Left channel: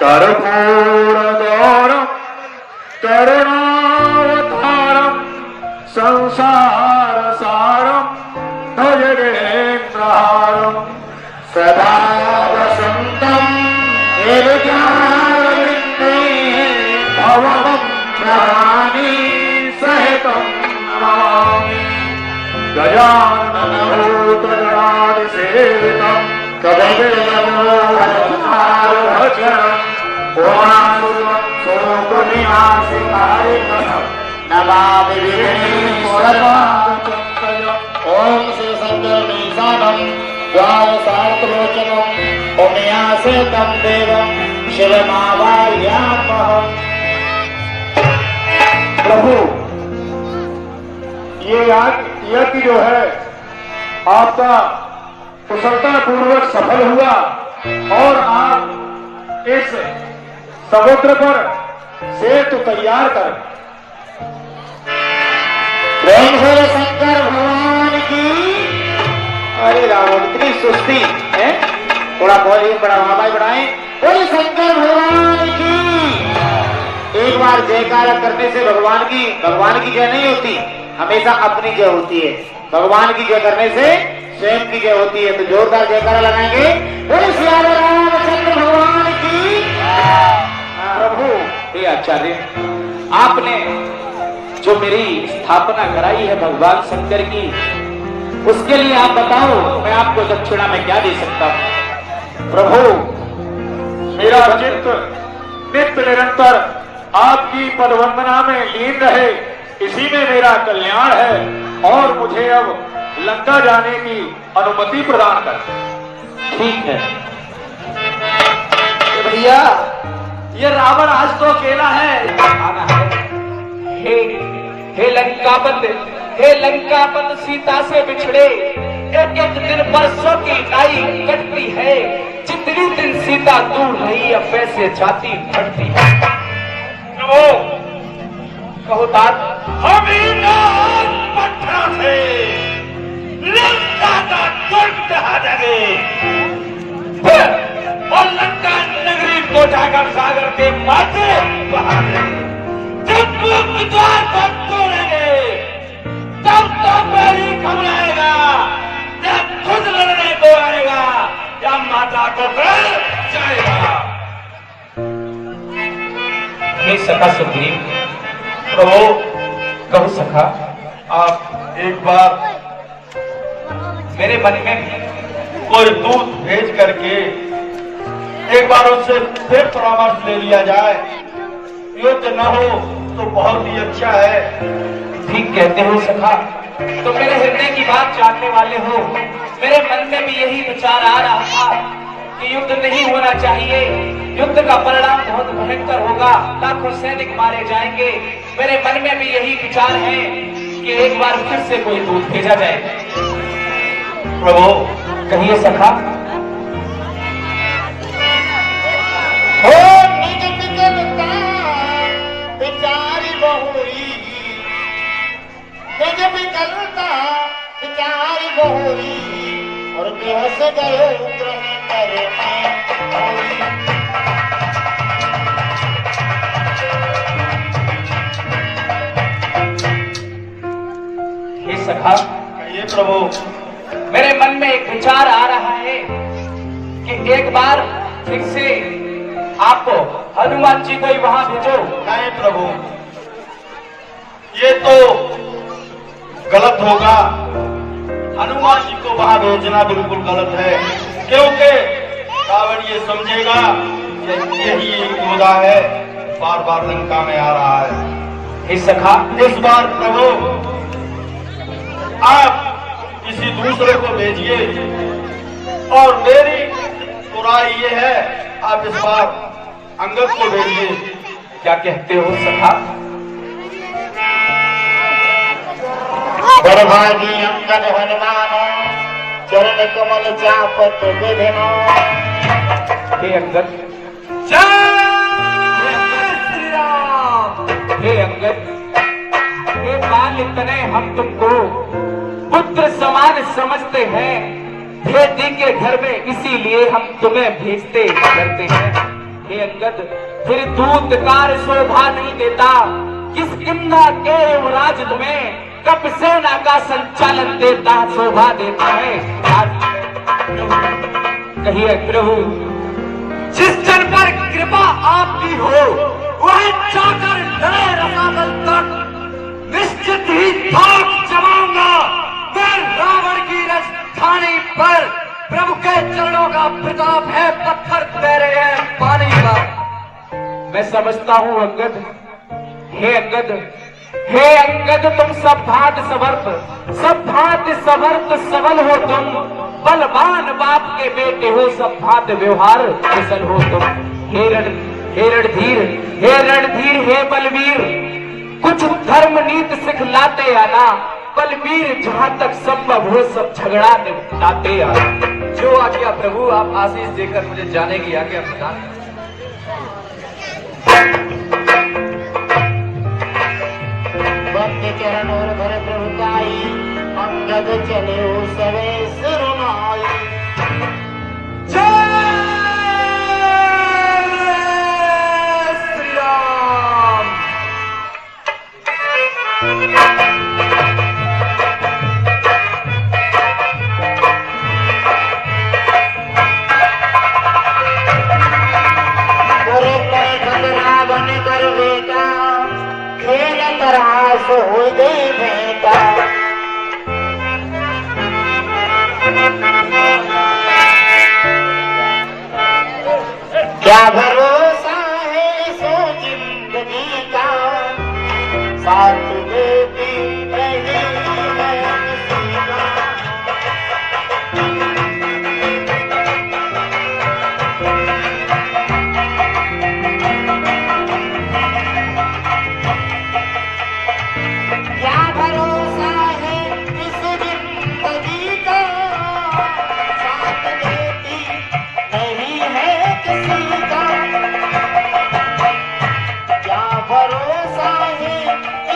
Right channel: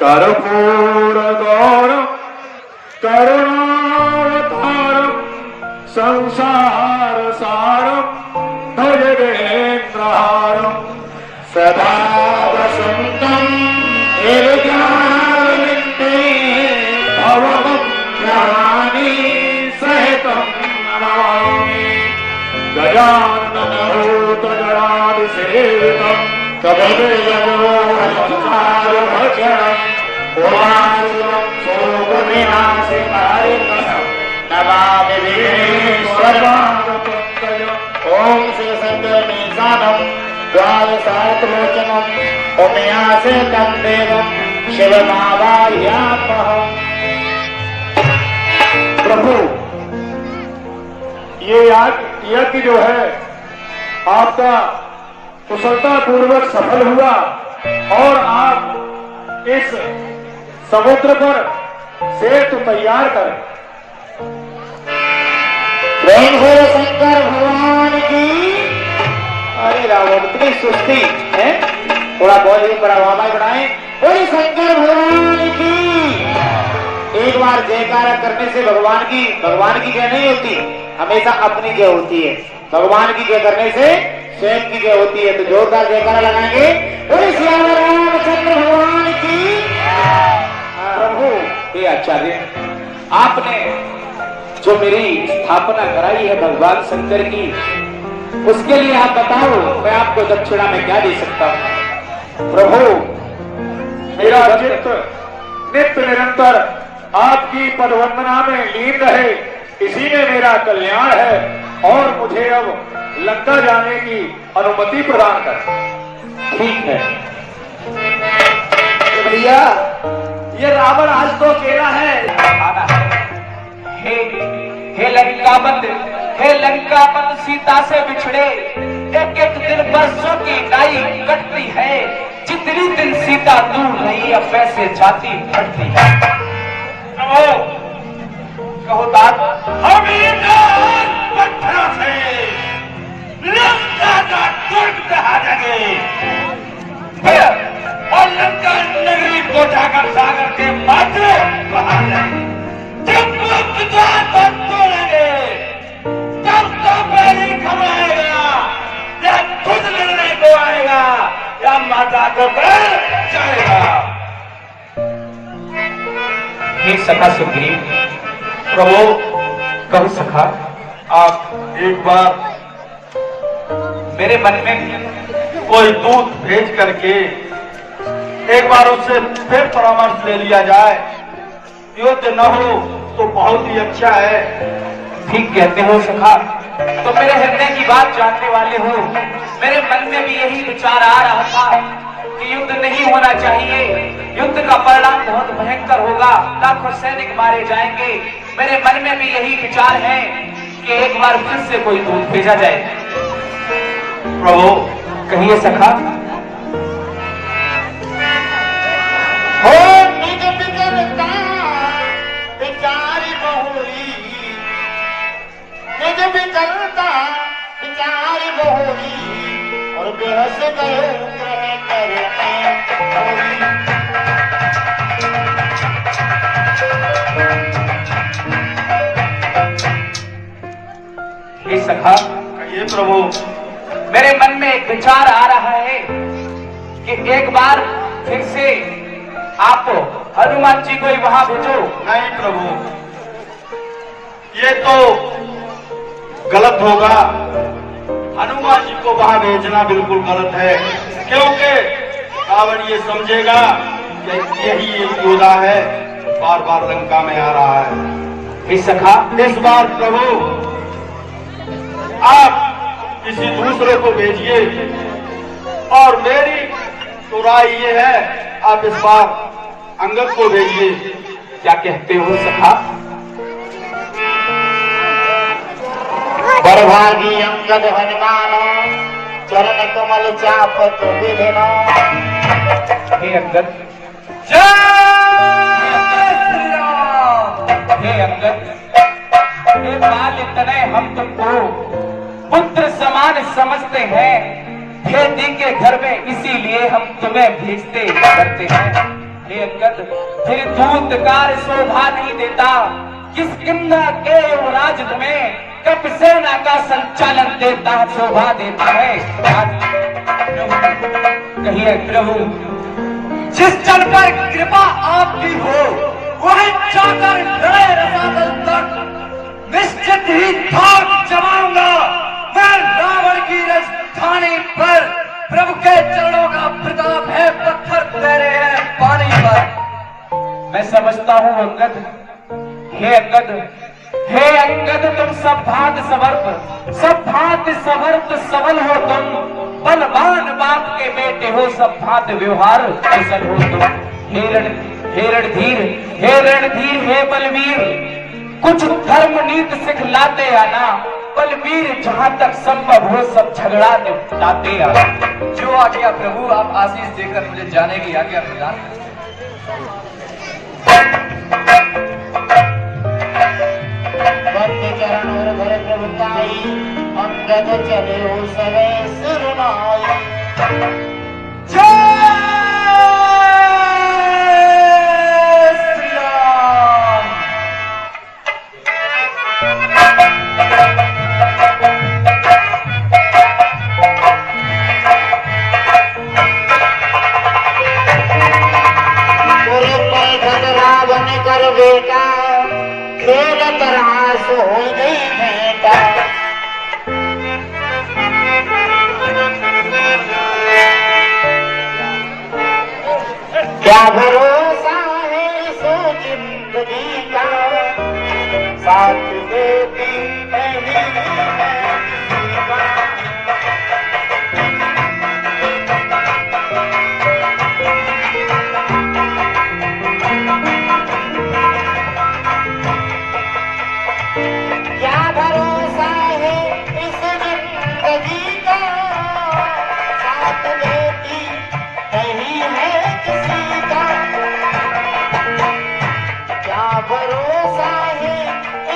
कर्पूरगौरं करुणावतारं संसारसारं भजगेन्द्रहारं सदा वसन्तं हृदयारविन्दे भवभक्तानि सहितं नमामि। गजाननभूतगणाधिसेवितं कवचम् नमामि विघ्नेश्वरम्। ओम श्री शंकरमीशानम् द्वादशार्कलोचनम् उमयासेतं देवं शिवमावाहयामः। प्रभु, ये यज्ञ जो है आपका कुशलता पूर्वक सफल हुआ और आप इस समुद्र पर सेतु तैयार कर। है शंकर भगवान की। अरे रावण इतनी सुस्ती है, थोड़ा बहुत बड़ा वादा बढ़ाए। बोले शंकर भगवान की। एक बार जयकारा करने से भगवान की जय नहीं होती, हमेशा अपनी जय होती है। भगवान की जय करने से स्वयं की जय होती है। तो जोरदार जयकारा लगाएंगे। बोले श्री रामचंद्र भगवान की। प्रभु ये आचार्य, आपने जो मेरी स्थापना कराई है भगवान शंकर की, उसके लिए आप बताओ मैं आपको दक्षिणा में क्या दे सकता हूं। प्रभु, मेरा चित्त नित्य निरंतर आपकी पदवंदना में लीन रहे, इसी में मेरा कल्याण है। और मुझे अब लंका जाने की अनुमति प्रदान कर। ठीक है तो भैया, ये रावण आज तो अकेला है। हे लंकापति सीता से बिछड़े एक एक दिन बरसों की नाई कटती है। जितनी दिन सीता दूर रही अब वैसे छाती फटती है। कहो तात, हम पत्थरों से लंका का दुर्ग ढहा देंगे और लंका नगरी को जाकर सागर के माथे बाहर जब द्वार पर तोड़ेंगे तब तो मेरी घबराएगा, जब खुद लड़ने को आएगा या माता को पकड़ जाएगा। ये सखा सुग्रीव, प्रभु कहू सखा, आप एक बार मेरे मन में कोई दूत भेज करके एक बार उससे फिर परामर्श ले लिया जाए। युद्ध न हो तो बहुत ही अच्छा है। ठीक कहते हो सखा, तो मेरे हृदय की बात जानने वाले हो। मेरे मन में भी यही विचार आ रहा था कि युद्ध नहीं होना चाहिए, युद्ध का परिणाम बहुत भयंकर होगा, लाखों सैनिक मारे जाएंगे। मेरे मन में भी यही विचार है कि एक बार फिर से कोई दूत भेजा जाए। प्रभु कहिए सखा। हो निज निजता बिचारी बहुरी, निज निजता बिचारी बहुरी और बेहस गयो ग्रह करने हे सखा, ये प्रभु मेरे मन में एक विचार आ रहा है कि एक बार फिर से आप हनुमान जी को ही वहां भेजो। नहीं प्रभु, ये तो गलत होगा। हनुमान जी को वहां भेजना बिल्कुल गलत है, क्योंकि रावण ये समझेगा कि यही योद्धा है, बार बार लंका में आ रहा है। इस सखा, इस बार प्रभु आप किसी दूसरे को भेजिए और मेरी तो राय ये है आप इस बार अंगद को भेजिए। क्या कहते हो सखा? बड़भागी अंगद हनुमान चरण कमल चापत विधनो। हे अंगद, हे अंगद, हे बाल तनय हम तुमको पुत्र समान समझते हैं। भेदी के घर में इसीलिए हम तुम्हें भेजते करते हैं। हे अंगद, फिर दूत काल शोभा नहीं देता, किस किन्ना के युवराज तुम्हें कब सेना का संचालन देता शोभा देता है। नहीं है प्रभु, जिस जन पर कृपा आपकी हो वही जाकर लड़े रसातल तक, निश्चित ही थाप जमाऊंगा मैं रावण की राजधानी पर। प्रभु के चरणों का प्रताप है, पत्थर तैरे हैं पानी का। मैं समझता हूँ अंगद, हे अंगद, हे अंगद, तुम सब भांत सवर्त सबल हो तुम, बलवान बाप के बेटे हो, सब भांत व्यवहार कुशल हो तुम। हे रणधीर, हे बलवीर, कुछ धर्म नीति सिखलाते आना, बलवीर जहाँ तक संभव हो सब झगड़ा निपटाते आना। जो आज्ञा प्रभु, आप आशीष देकर मुझे जाने की आज्ञा प्रदान करें। भक्ति चरण और धर प्रभुताई, अंगद चले सवे सिरुनाई। जय श्री राम। रावण कर बेटा, खेल तरह सो गई बेटा। क्या भरोसा है सो जिंदगी का, साथ देती नहीं है किसी का। क्या भरोसा है इस जिंदगी का, साथ देती नहीं है किसी का। क्या भरोसा है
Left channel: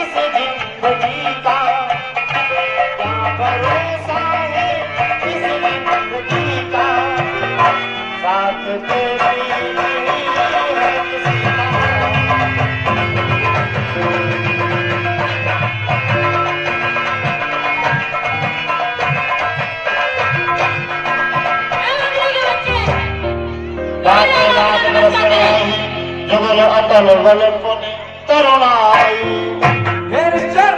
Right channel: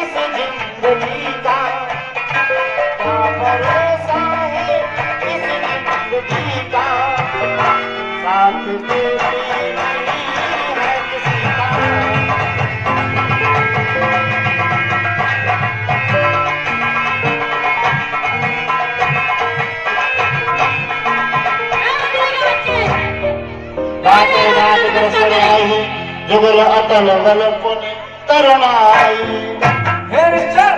इस जिंदगी का, क्या भरोसा है इस जिंदगी का, साथ देती नहीं है किसी का। जुगल अतल बल पुनि तरुणाई। हे मिस्टर,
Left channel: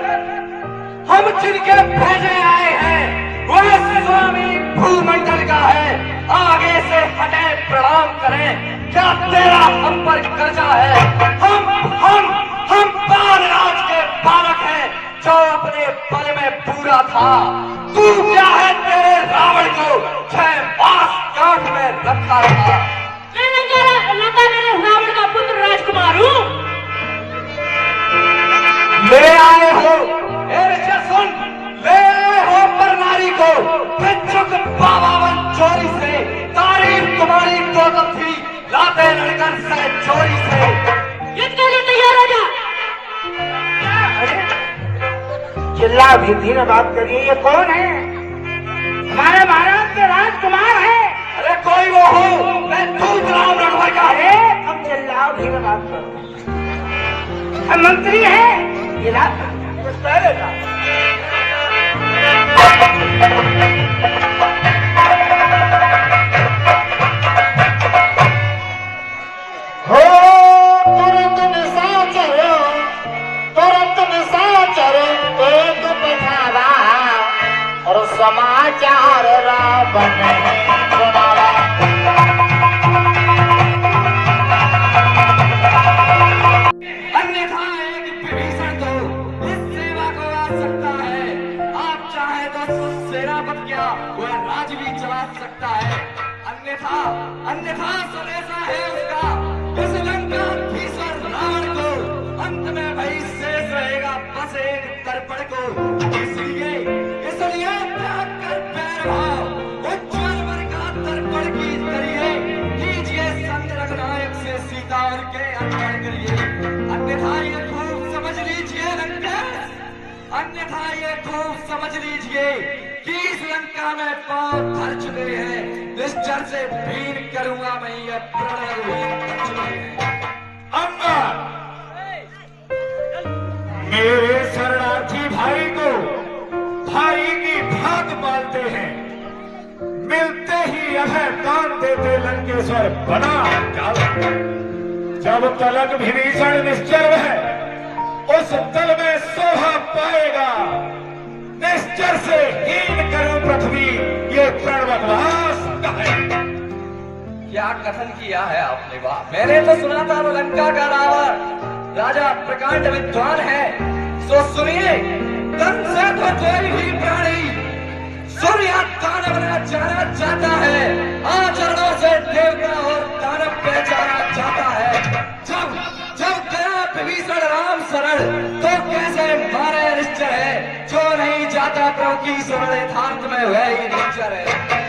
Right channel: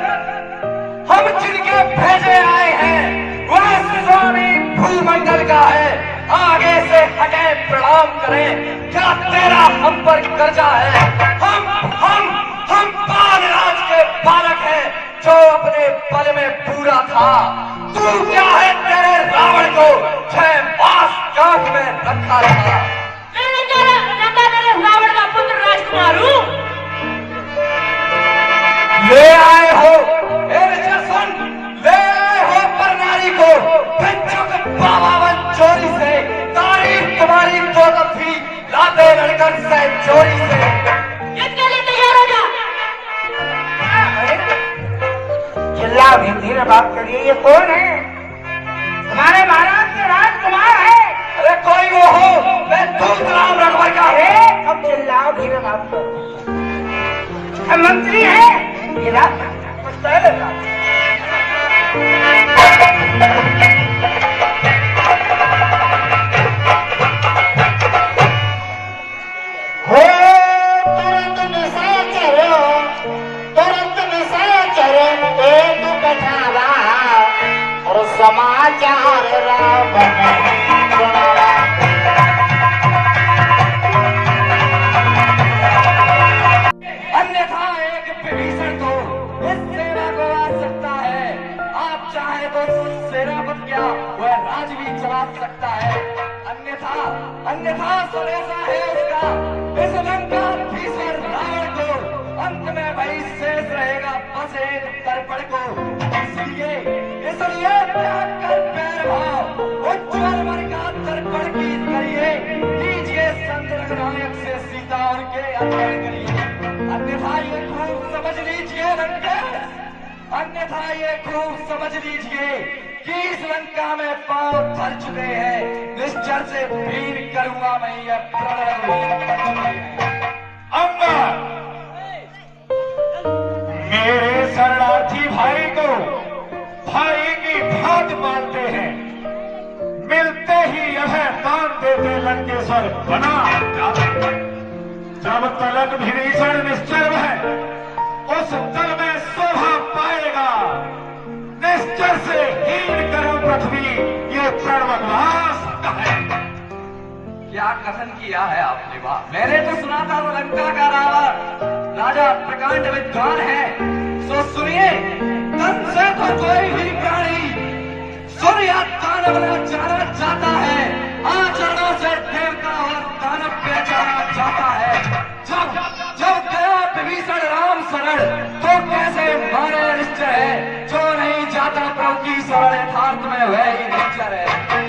हम जिनके भेजे आए हैं वह स्वामी भूमंडल का है, आगे से हटे प्रणाम करें। क्या तेरा हम पर कर्जा है? हम बालराज के बालक हैं जो अपने बल में पूरा था। तू क्या है? तेरे रावण को 6 मास कांख में रखा था। रावण का पुत्र राजकुमार हूँ। ले आए हो ले आए हो पर नारी को भिक्षुक बाबावन चोरी से। तारीफ तुम्हारी तो तब थी लाते लड़कन से चोरी से। इसके लिए तैयार हो जा। चिल्ला भी धीरे बात करिए। ये कौन है? हमारे महाराज के राजकुमार है। अरे कोई वो हो, मैं दूध राम रणभर का। हम चिल्लाओ धीरे बात करो। हम मंत्री है ये रात हो तुरंत निशाचर एक पठावा, और समाचार रावण अन्यथा एक विभीषण तो इस सेना को आ सकता है। आप चाहे तो सेनापति क्या वह राज भी चला सकता है। अन्यथा सब ऐसा है उसका, इस लंकाधीश्वर रावण को अंत में वही शेष रहेगा बस एक दर्पण को। इसलिए त्याग कर पैर भाव उज्जवल मन का दर्पण की करिए। कीजिए संग रघुनायक से सीता और के अन्याय करिए। अन्यथा ये खूब समझ लीजिए लंकेश, अन्यथा ये खूब समझ लीजिए कि इस लंका में पांव भर चुके हैं। निश्चर से भीड़ करूंगा मैं ये प्रणय। अम्मा, मेरे शरणार्थी भाई को भाई की भात मानते हैं, मिलते ही अभय दान देते लंकेश्वर बना जाते। जब तलक विभीषण निश्चर है उस दल में शोभा पाएगा। निश्चर से हीन करूं पृथ्वी ये कर्मवास है। क्या कथन किया है आपने? बात मैंने तो सुना था वो लंका का रावण राजा प्रकांड विद्वान है। सो सुनिए, तन से तो कोई भी प्राणी सूर्य दानव न जाना चाहता है, आचरणों से देवता और दानव पहचाना चाहता है। जब जब गया विभीषण राम शरण तो कैसे मारे निश्चय है, जो नहीं जाता प्रभु की शरण यथार्थ में वही निश्चय है।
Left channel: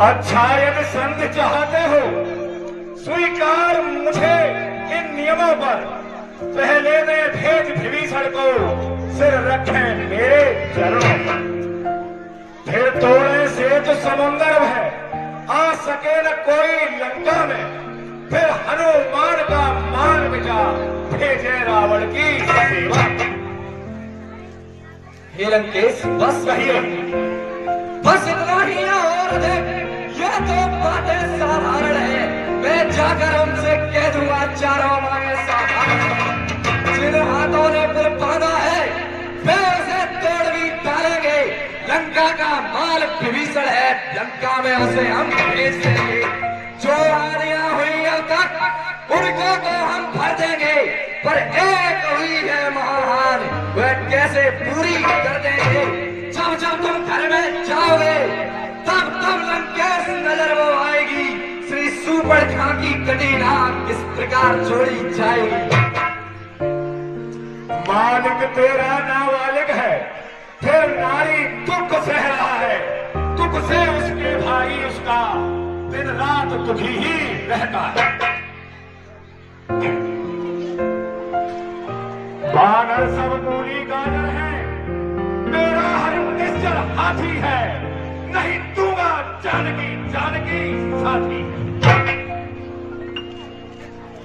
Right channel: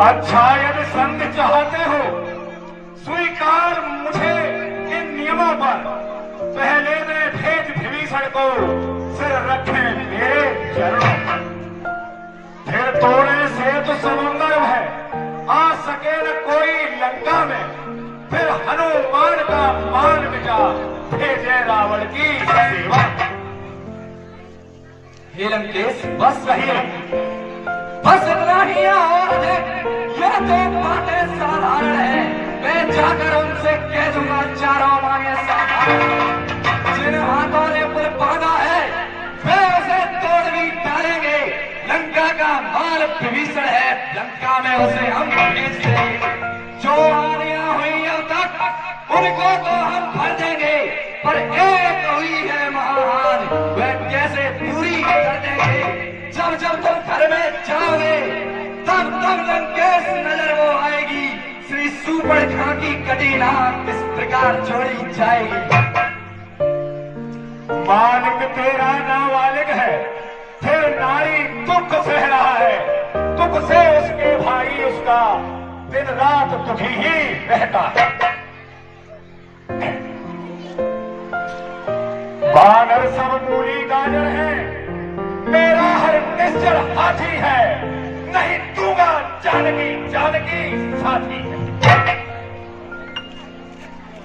अच्छा, यदि संधि चाहते हो स्वीकार मुझे इन नियमों पर। पहले मैं भेज विभीषण को सिर रखे मेरे चरणों, फिर तोड़े से तो समुंदर है, आ सके न कोई लंका में। फिर हनुमान का मान मिटा भेजे रावण की सेवा। हे लंकेश, बस सही बस इतना ही और अधिक ये तो बातें साधारण है। मैं जाकर उनसे कह दूंगा चारों मांगे साधारण। जिन हाथों ने पुर बांधा है वे उसे तोड़ भी डालेंगे। लंका का माल विभीषण है, लंका में उसे हम भेज देंगे। जो रानियां हुई अब तक उनको तो हम भर देंगे, पर एक हुई है महान, वह कैसे पूरी कर देंगे। जब जब तुम घर में जाओगे तब तब लंकेश नजर वो आएगी। श्री सुपर्णखा की कटी नाक इस प्रकार जोड़ी जाएगी। मालिक तेरा नाबालिग है, फिर नारी दुख सह रहा है। दुख से उसके भाई उसका दिन रात तुझी ही रहता है। बानर सब पूरी गाजर है, मेरा हर निश्चर हाथी है। नहीं दूंगा जानकी जानकी साथी।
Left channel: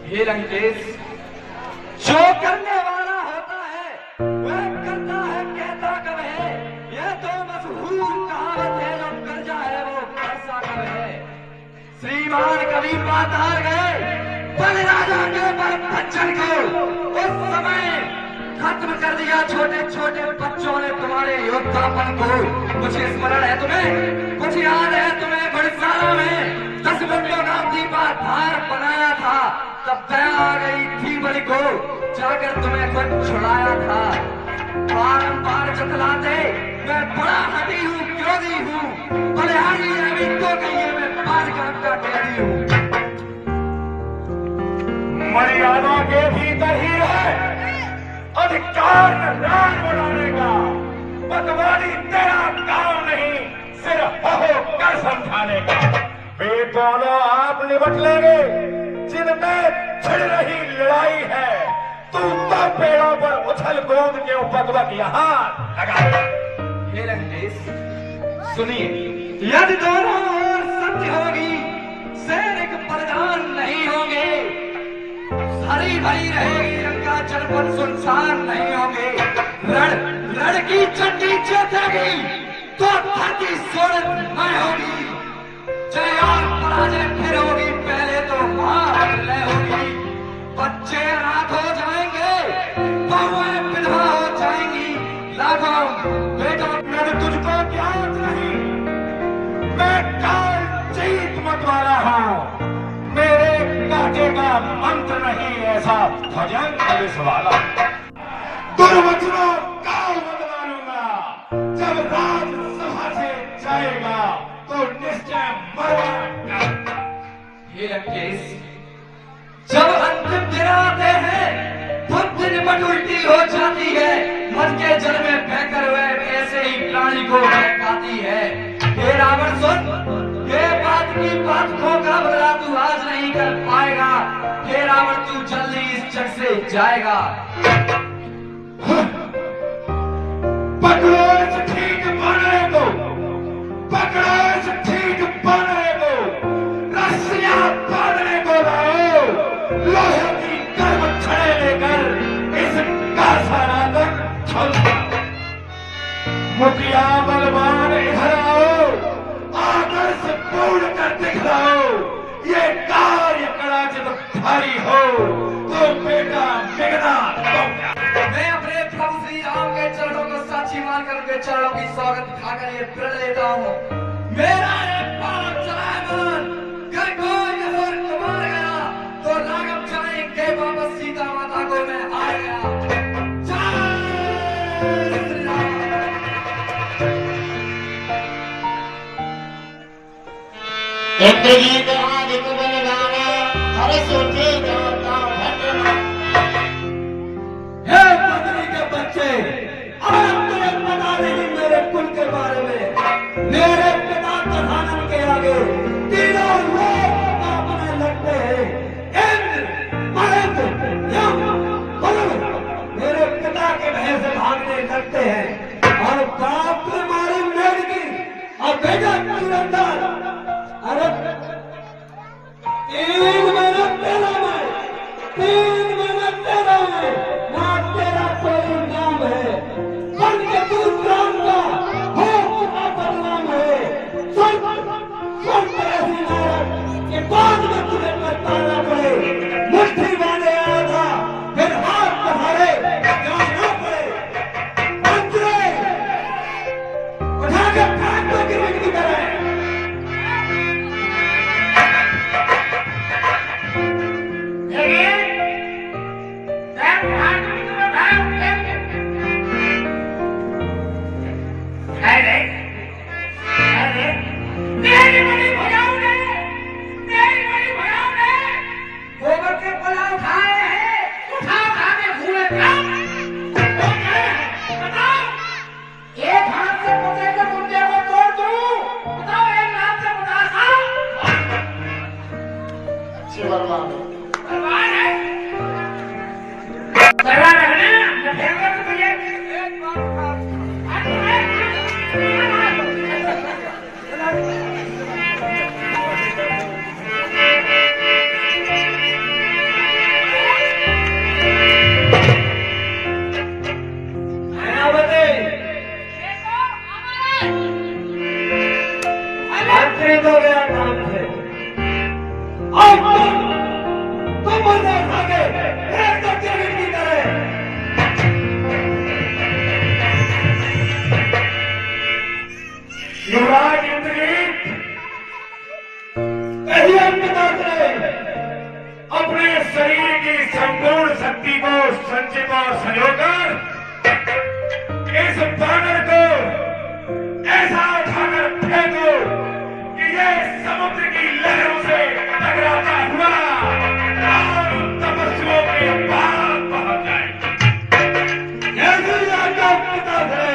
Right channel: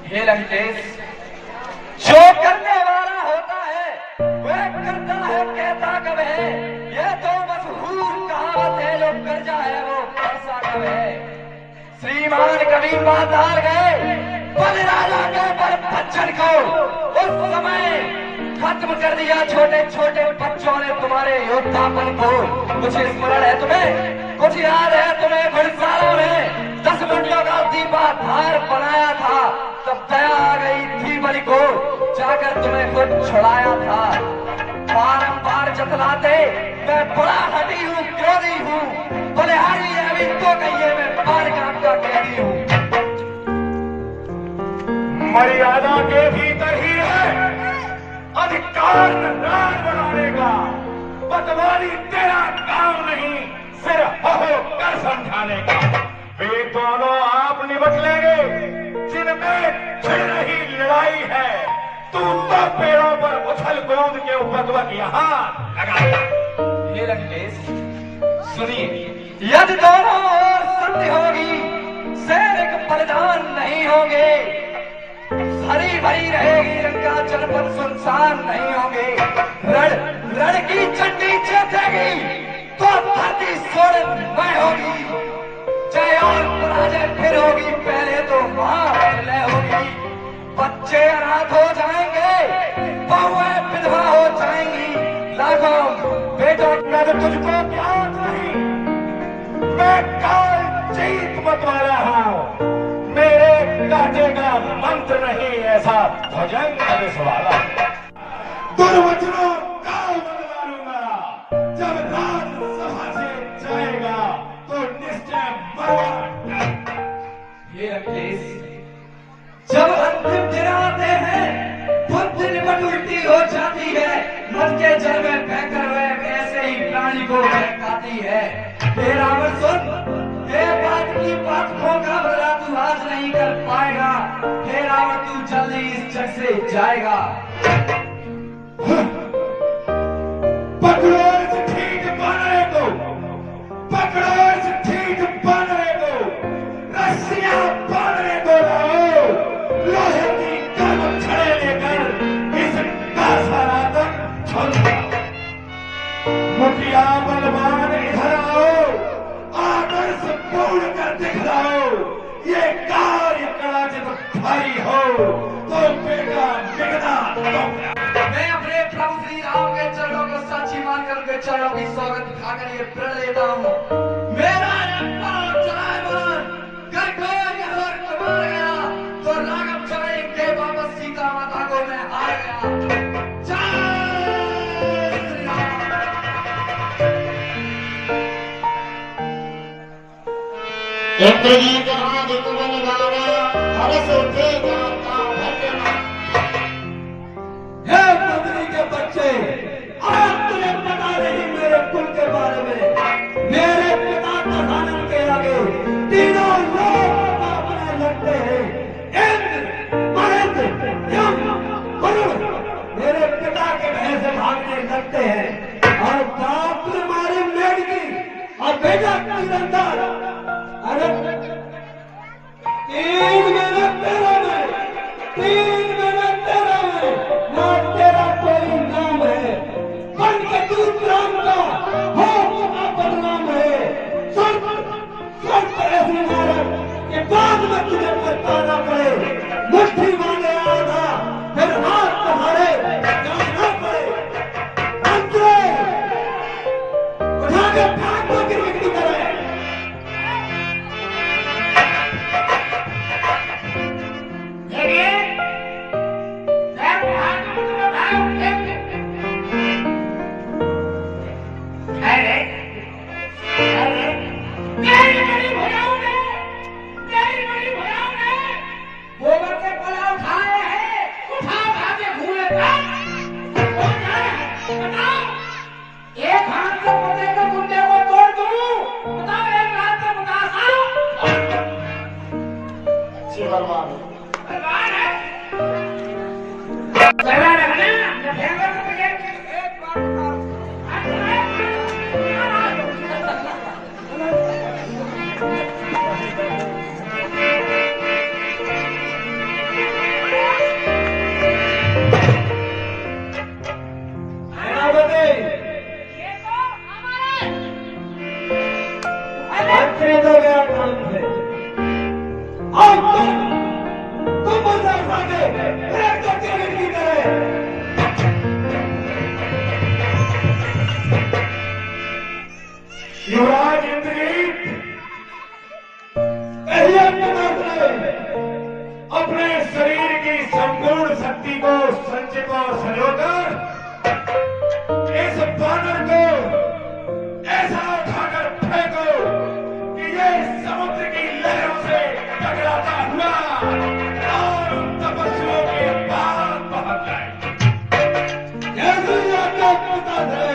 हे लंकेश, जो करने वाला होता है वह करता है, कहता कब है। यह तो मशहूर कहावत है, जो कर्जा है वो पैसा कब है। श्रीमान कबीर बाजार गए बल राजा के पर बच्चन को, उस समय खत्म कर दिया छोटे छोटे बच्चों ने तुम्हारे योद्धापन को। कुछ स्मरण है तुम्हें, कुछ याद है तुम्हें? घुड़सालों में 10 मिनटों का दीपाधार बनाया था, तब दया आ गई थी बलि को, जाकर तुम्हें खुद छुड़ाया था। बारंबार जतलाते मैं बड़ा हदी हूँ, क्रोधी हूँ, बलिहारी अभी तो कहिए मैं बालग्राम का कैदी हूँ। मर्यादा के भीतर ही है अधिकार राज बढ़ाने का। पटवारी तेरा काम नहीं, सिर्फ हो कर समझाने का। वे दोनों आप निपट लेंगे जिनमें छिड़ रही लड़ाई है। तू तो पेड़ों पर उछल कूद के उपद्रव यहाँ लगा। हे लंकेश, सुनिए, यदि दोनों ओर संधि होगी, सैनिक बलिदान नहीं होंगे, हरी भरी रहेगी लंका, जनपद सुनसान नहीं होंगे। रण की चंडी जीतेगी तो धरती सोलमय होगी। जय और पराजय फिर होगी, पहले तो महालय होगी। बच्चे अनाथ हो जाएंगे, बहुएं विधवा हो जाएंगी, लाखों बेटों मैं तो तुझको ज्ञात नहीं, मैं काल जीत मत वाला हूँ। मेरे काटे का मंत्र नहीं ऐसा भजन पुलिस वाला। दुर्वचनों का बदला लूंगा, जब राजसभा से जाएगा तो निश्चय मरेगा। ये लंकेश, जब अंतिम दिन आते हैं बुद्धि निपट उल्टी हो जाती है। मद के जल में बहकर वह ऐसे ही प्राणी को बहकाती है। हे रावण सुन, ये बात की बात खोखा बदला तू आज नहीं कर पाएगा। हे रावण, तू जल्दी इस जग से जाएगा। पकड़ो इस ठीक बने को, पकड़ो इस भारी हो तो बेटा बिगना पहुंचा। मैं अपने प्रभु श्री राम के चरणों को साक्षी मानकर उनके चरणों की स्वागत दिखाकर ये प्रण लेता हूँ। मेरा एक पाँव चलायमान कर कोई अगर कमा गया तो राघव चले के वापस सीता माता को मैं आ गया। जय श्री राम। इंद्रजीत आदित्य बन जाना हर्ष के जाता भटना। हे मंत्री के बच्चे, आज तुम्हें पता नहीं मेरे कुल के बारे में। मेरे पिता कहानी के आगे तीनों लोग अपने लगते हैं। इंद्र, महेंद्र, यम, वरुण मेरे पिता के भय से भागने लगते हैं। और बाप ने मारी मेढकी और बेटा कुलंदर। अरे 3 महीने तेरा में, 3 महीने तेरा में, ना तेरा कोई नाम है। बन के तू राम का हो चुका बदनाम है। सुन ऐसी नारद के बाद में तुझे पछताना पड़े। मुट्ठी बांधे आया था, फिर हाथ पसारे जाना पड़े। मंत्री उठा के फेंक दो गिरगिट की तरह। गोबर के पलाव खा रहे हैं, उठा उठा के घूमे काम। वो क्या है बताओ। एक हाथ से मुझे के गुंडे को तोड़ दूं, बताओ एक हाथ से मुनासा। अच्छी बर्बाद है चला रहना न फेंकर तो तुझे एक बात तो मेरा काम है। और तुम मुझे भागे एक तो गिरगिट की तरह। युवराज इंद्रजीत अपने शरीर की संपूर्ण शक्ति को संचित और संयोकर इस बानर को ऐसा उठाकर फेंको कि ये समुद्र की लहरों से टकराता हुआ और तपस्वियों के पार पहुंच जाए। यही आपका पिता है।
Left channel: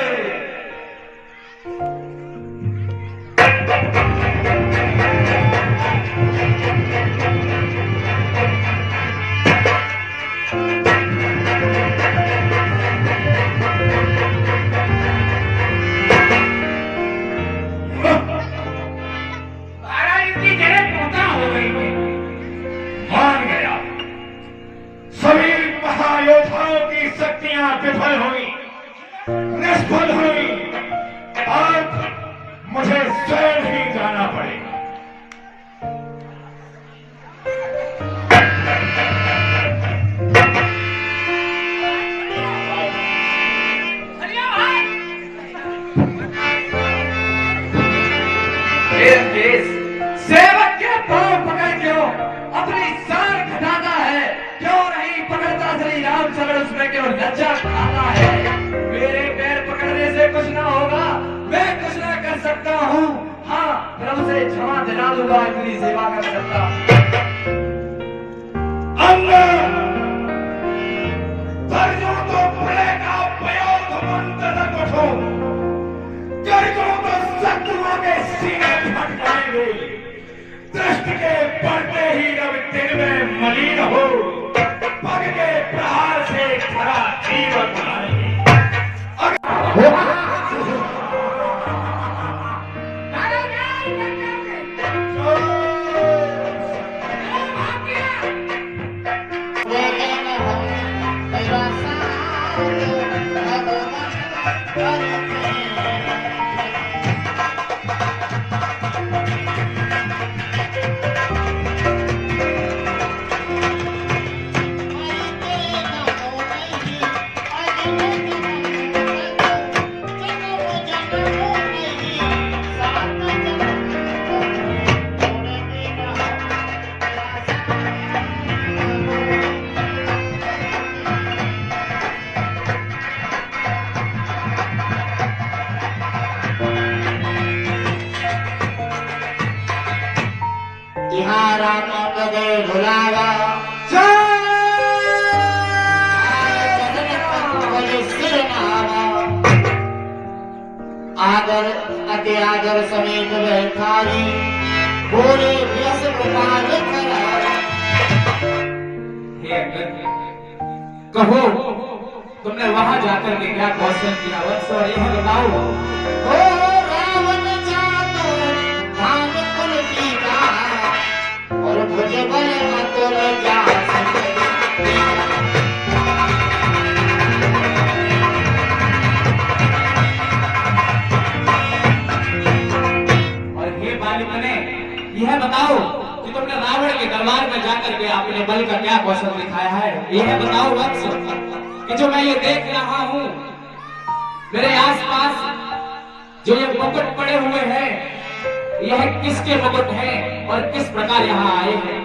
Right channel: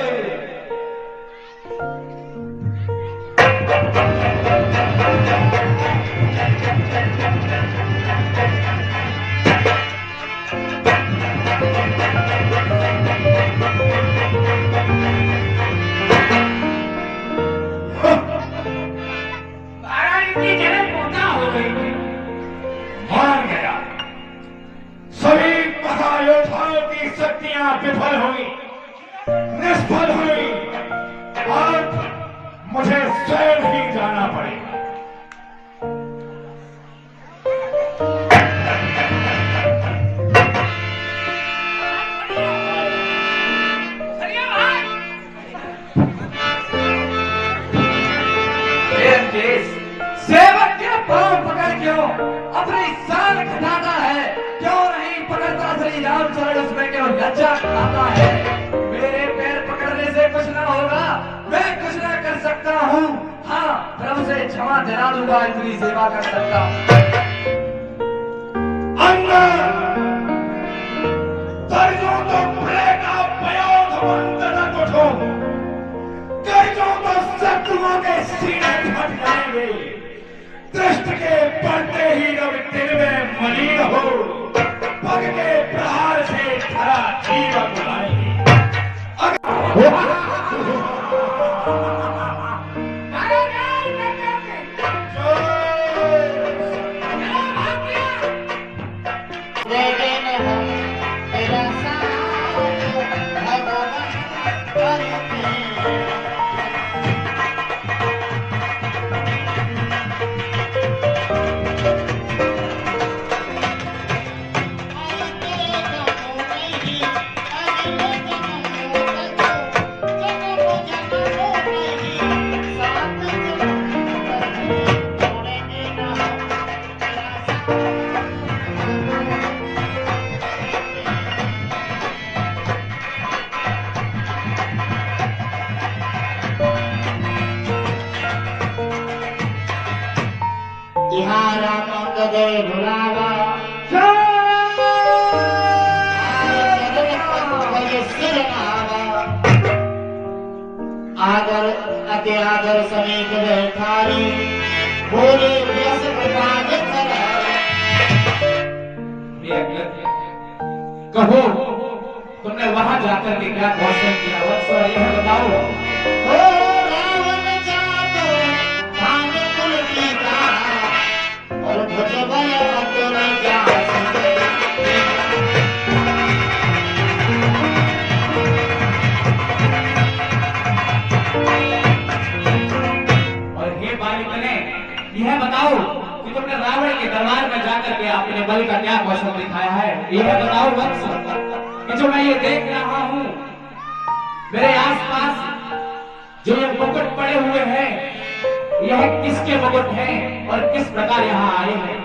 मान गया सभी महायोद्धाओं की शक्तियां विफल हुई, निष्फल हुई। अब मुझे स्वयं ही जाना पड़ेगा। सेवक के पांव पकड़ क्यों अपनी शान घटाता है? क्यों नहीं पकड़ता श्री रामचरण? उसमें क्यों लज्जा खाता है? मेरे पैर पकड़ने से कुछ ना होगा, मैं कुछ ना कर सकता हूँ। हाँ, प्रभु से क्षमा दिला दूंगा इतनी सेवा कर सकता। अंदर दर्जों तो पड़ेगा प्रयोग मंत्र न उठो, दर्जों तो शत्रुओं के सीने फट जाएंगे। दृष्टि के पड़ते ही अब दिन में मलिन हो, पग के प्रहार से खरा जीवन आएंगे। भुलावा आदर अति आदर समेत बैठारी बोले व्यस प्रकार कहो तुमने वहां जाकर के क्या कौशल किया वत्स और यह बताओ। हो रावण जातो धाम कुल पीता और भुजबल अतुल जात यह बताओ कि तुमने रावण के दरबार में जाकर के अपने बल का क्या कौशल दिखाया है। यह बताओ वत्स कि जो मैं ये देख रहा हूँ मेरे आसपास जो ये मुकुट पड़े हुए हैं यह किसके मुकुट हैं और किस प्रकार यहाँ आए हैं।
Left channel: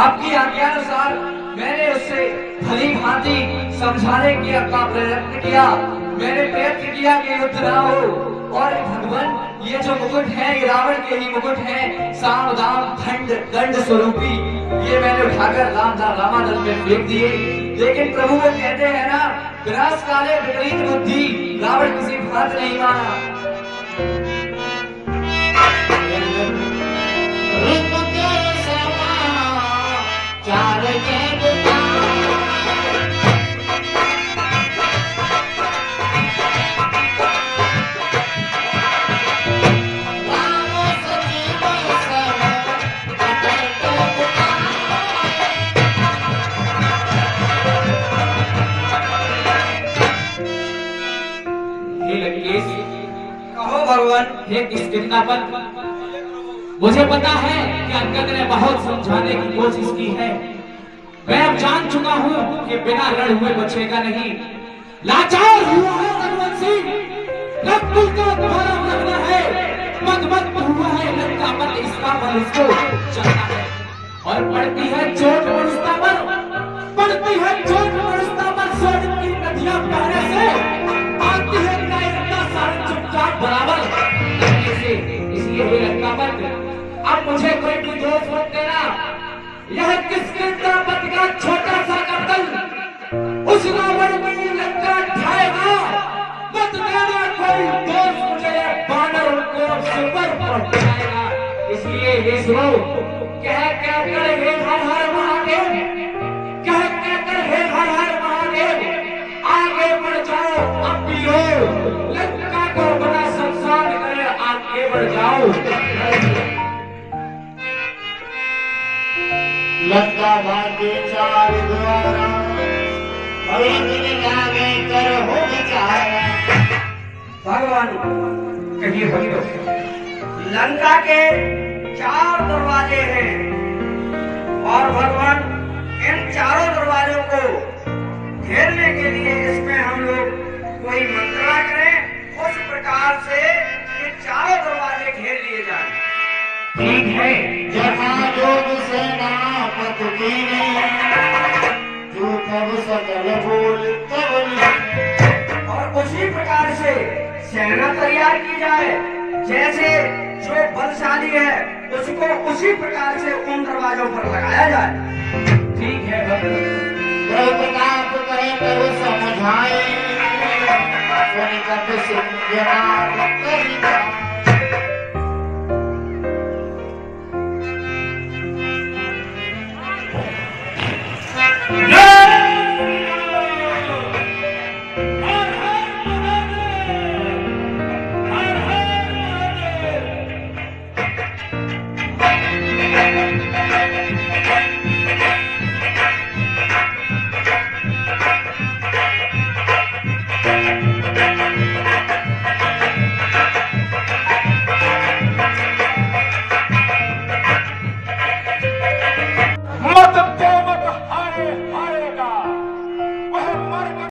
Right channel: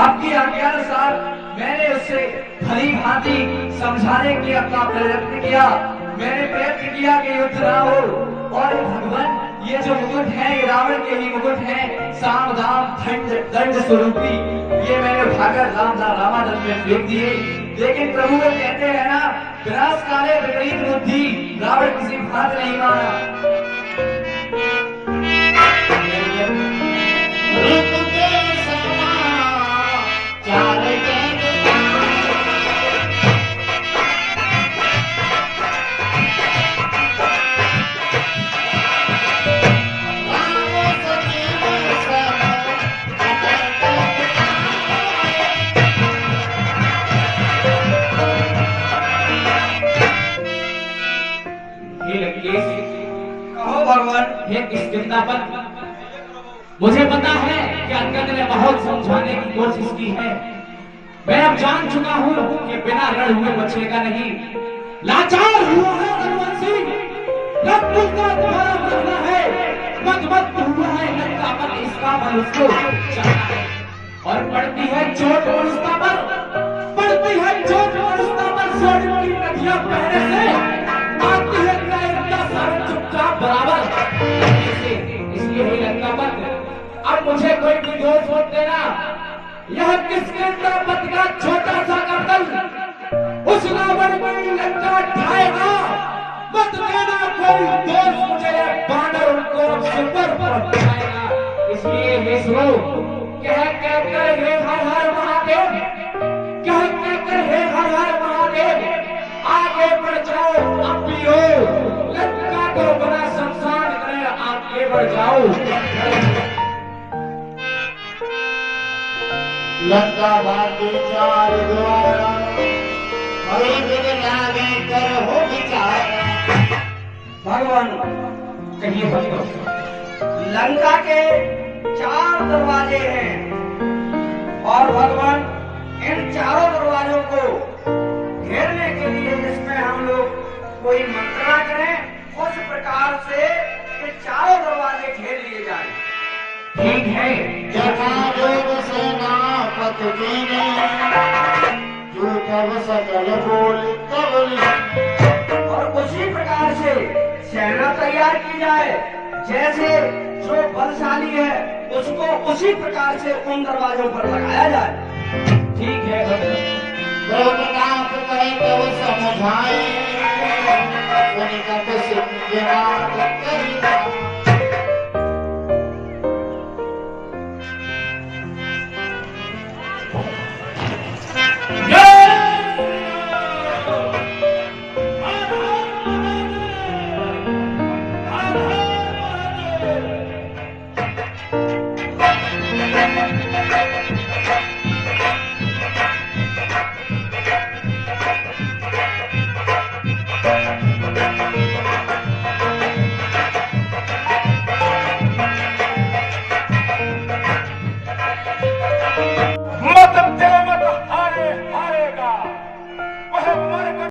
आपकी आज्ञानुसार मैंने उससे भली भांति समझाने की अपना प्रयत्न किया। मैंने प्रयत्न किया कि युद्ध ना हो और भगवान ये जो मुकुट है ये रावण के ही मुकुट है साम दाम दंड स्वरूपी ये मैंने उठाकर रामादल में फेंक दिए। लेकिन प्रभु वो कहते हैं ना विनाश काले विपरीत बुद्धि रावण किसी बात नहीं बना। चार कहो भगवान हे किष्किंधापन मुझे पता है कि अंगद ने बहुत समझाने की कोशिश की है। मैं अब जान चुका हूँ कि बिना रण हुए बचेगा नहीं। लाचार हुआ है रघुवंशी रघुकुल का द्वारा मरना है मत हुआ है लंका पर इसका बल उसको चलना है और पड़ती है चोट मनुष्य पर पड़ती है चोट मनुष्य पर स्वर्ण की नदियां बहने से आती है कायरता सारा चुपचाप बराबर कहने से। इसलिए हे लंकापति अब मुझे कोई भी दोष मत देना। यह किष्किंधापति का छोटा सा कत्ल उस रावण की लंका ढाएगा। मत देना कोई दोष मुझे बानर उनको सिर पर पहुंचाएगा। इसलिए हे सुनो कह कर हे हर हर महादेव कह कर हे हर हर महादेव आगे बढ़ जाओ अब भी हो लंका को बड़ा संसार करे आगे बढ़ जाओ। लंका भाग्य चार द्वारा लागे कर हो विचारा। भगवान कहिए भक्त लंका के 4 दरवाजे हैं और भगवान इन चारों दरवाजों को घेरने के लिए इसमें हम लोग कोई मंत्रणा करें उस प्रकार से ये चारों दरवाजे घेर लिए जाए। ठीक है जहाँ योग सेनापति कीने जो तब सकल बोल और उसी प्रकार से सेना तैयार की जाए जैसे जो बलशाली है उसको उसी प्रकार से उन दरवाजों पर लगाया जाए। ठीक है प्रताप कहे तो समझाए सिंह